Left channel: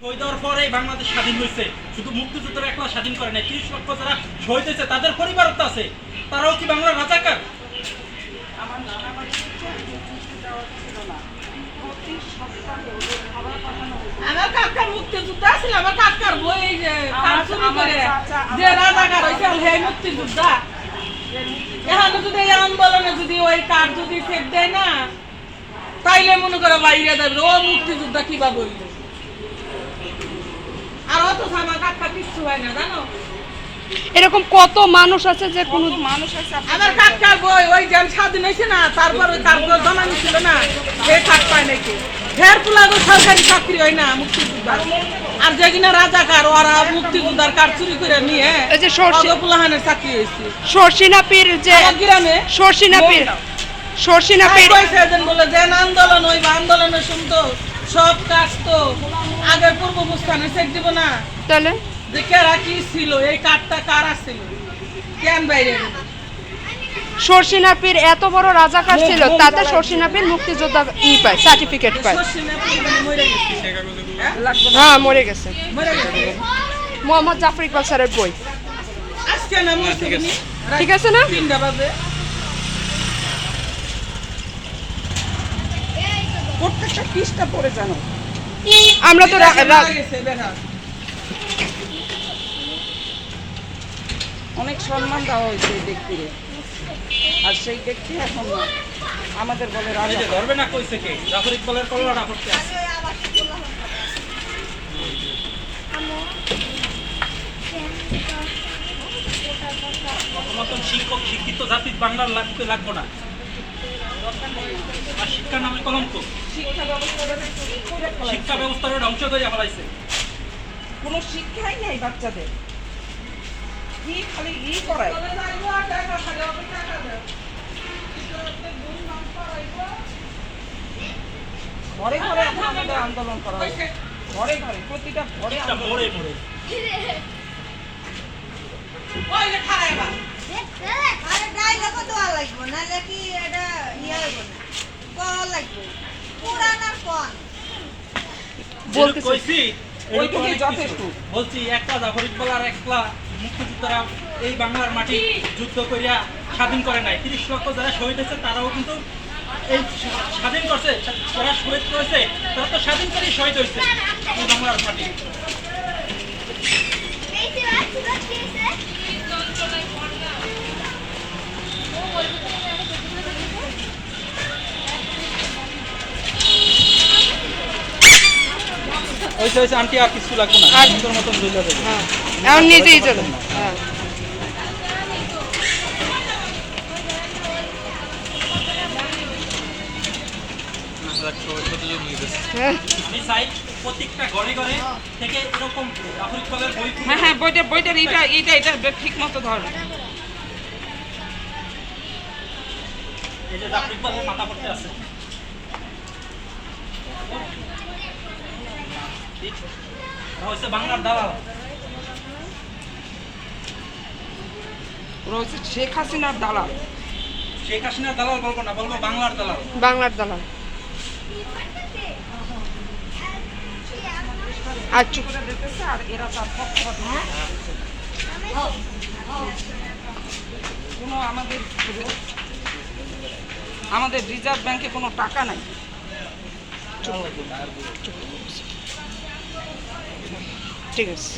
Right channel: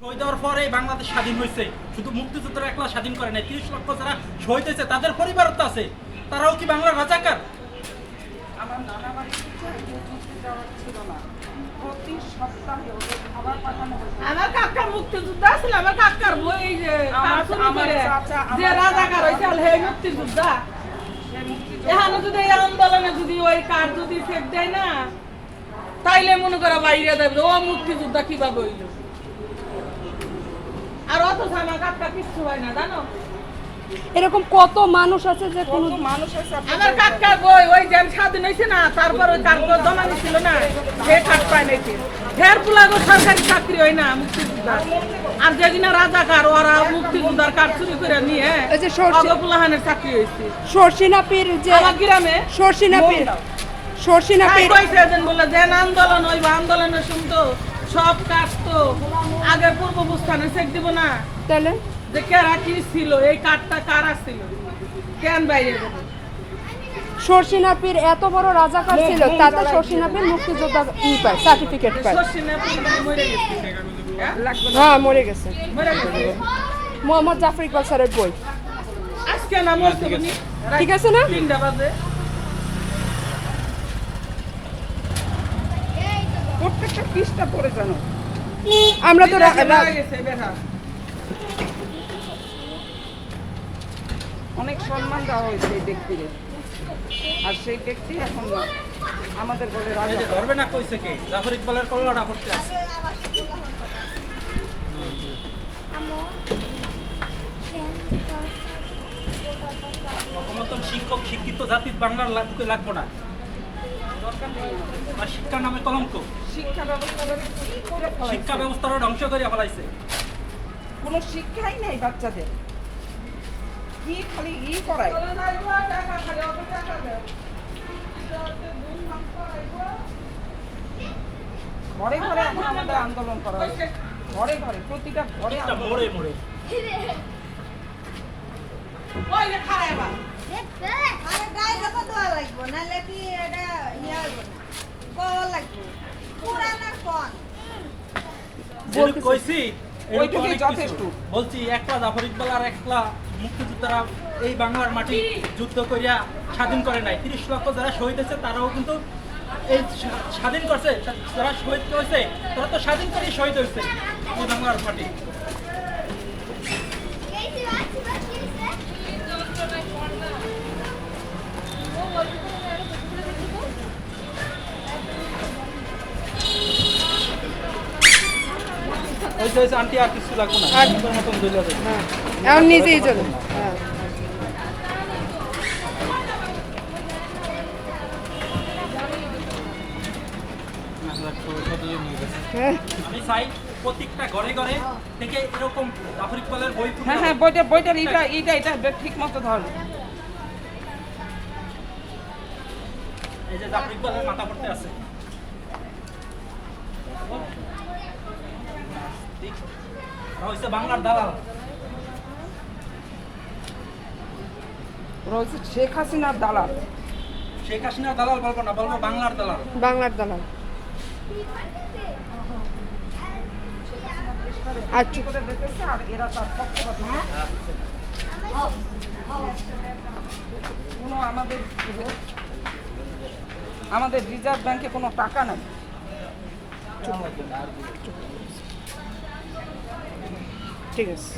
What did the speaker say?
শহীদ হওয়ার পরেই বাংলাদেশ স্বাধীন হয়েছে। শুধু মুক্তিযুদ্ধের একলা স্বাধীন করে নাই, ৩০ লক্ষ যারা শহীদ হয়েছে তাদের পরিবারও তো আছে। তারাও কি বাংলার রাজাকার? আমার কাকার মুক্তিযোদ্ধা ছিল, আমার কাকার বই যে রাজাকার হয়েছে সেই মুক্তিযোদ্ধা। এখন যদি এই আন্দোলনে যদি ওই কার্ড যদি ফেক দেয় না, তাইলে মনে করো বাইরে দেবে ও মুক্তিযোদ্ধা কিভাবে হইল। আর অত আমার কাকা কিচ্ছু হয় না, জানো। এরকম কত মানুষ আছে যে কোনো মানুষ আছে। আমার কাকার বই ওই যেন স্বাধীন হয়েছে না, তারপর ওই কার্ড জমানো ছিল না, সে কার্ড পায় নাকি। ফের পুলাগো সরকারি চাকরি হয় না মুক্তিযোদ্ধা। আর যেদিনা রাজাকার ওরা মুক্তিযোদ্ধার কার্ড চুরি করে নিয়ে এই যে পুলাহানের চাকরি হয়েছে সরসিনাপির যে গ্রামে সরসিনাপির বলে যে আন্দোলন ওই আন্দোলনের শুনতো সব কাজ তো আগে পূর্বস্থানে চেক দিব না, তাহলে যে কেরা কি ছিল, এই কার্ডটা কারা ছিল, কেন বাইরে সরসিনাপির এত বড় রাজাকার ছিল, তাতে সরসিনাপির মুক্তিযোদ্ধা পায়, সার্টিফিকেট পায়। হ্যাঁ, মরে গেছে। মোহাম্মদ জাফর ইকবাল স্যারের বই। আজকে না মরছে ঠিক আছে না? 3টা বাজে। প্রত্যেকটা পৃষ্ঠা পড়ে জানো। আমরা তো অনেক সম্মান দেওয়া হয়েছে এই ব্যক্তিকে, আর সেই ব্যক্তি এখন আমাদের বলে এই যে ধরবে না কইছে কে? জাফর ইকবালের কল্যাণ করতে আছে। মতন শিক্ষক শিক্ষিত জাতির বাংলার লাগবো না। আর শিক্ষার নামে কলঙ্ক, শিক্ষা ব্যবস্থারও ধ্বংস করে ফেলাইছে। কোনো শিক্ষাই নেই বাচ্চাদের, কি খালি করায়। ঘরে ঘরে আমাদের আন্দোলন করা হয়েছে, ঘরে ঘরে, প্রতিটা ঘরে মোড়ে মোড়ে। বলছি একলা জাফর ইকবাল আর একলা মুক্তিযোদ্ধারা এই বাংলার মাটি যুদ্ধ করিয়া স্বাধীন করে নাই। ৩০ লক্ষ যারা শহীদ হয়েছে তারাও কিন্তু এই স্বাধীন করছে। যারা শহীদ হয়েছে তারা তো স্বাধীন করেই শহীদ হয়েছে এই বাংলার মাটি। হয়েছে আন্টি, আর কিছু লাগবে না, মতন বুঝে যাবে। হ্যাঁ, এখন নিজেই চলে। হ্যাঁ, আমি চাই প্রত্যেকটা ঘরে ঘরে থেকে এরকম জাফর ইকবালের বই। হ্যাঁ হ্যাঁ, বইটার এটা ঠিক মতো ধরো। এই যে জাফর ইকবালের মাথা পড়তে আছে। হচ্ছে বাংলার দালাল, ওরা হচ্ছে শেখ হাসিনার দালাল। শেখ হাসিনার দালাল বলবো না, বলবো বাংলার দালাল। বাংলার দালাল। আর চুপ করে দেখতেছে, আর এরা তার পক্ষপাত না। কোনো আমাদের রিজার্ভ ব্যাংকে কোনো টাকা নাই। ঠিক আছে।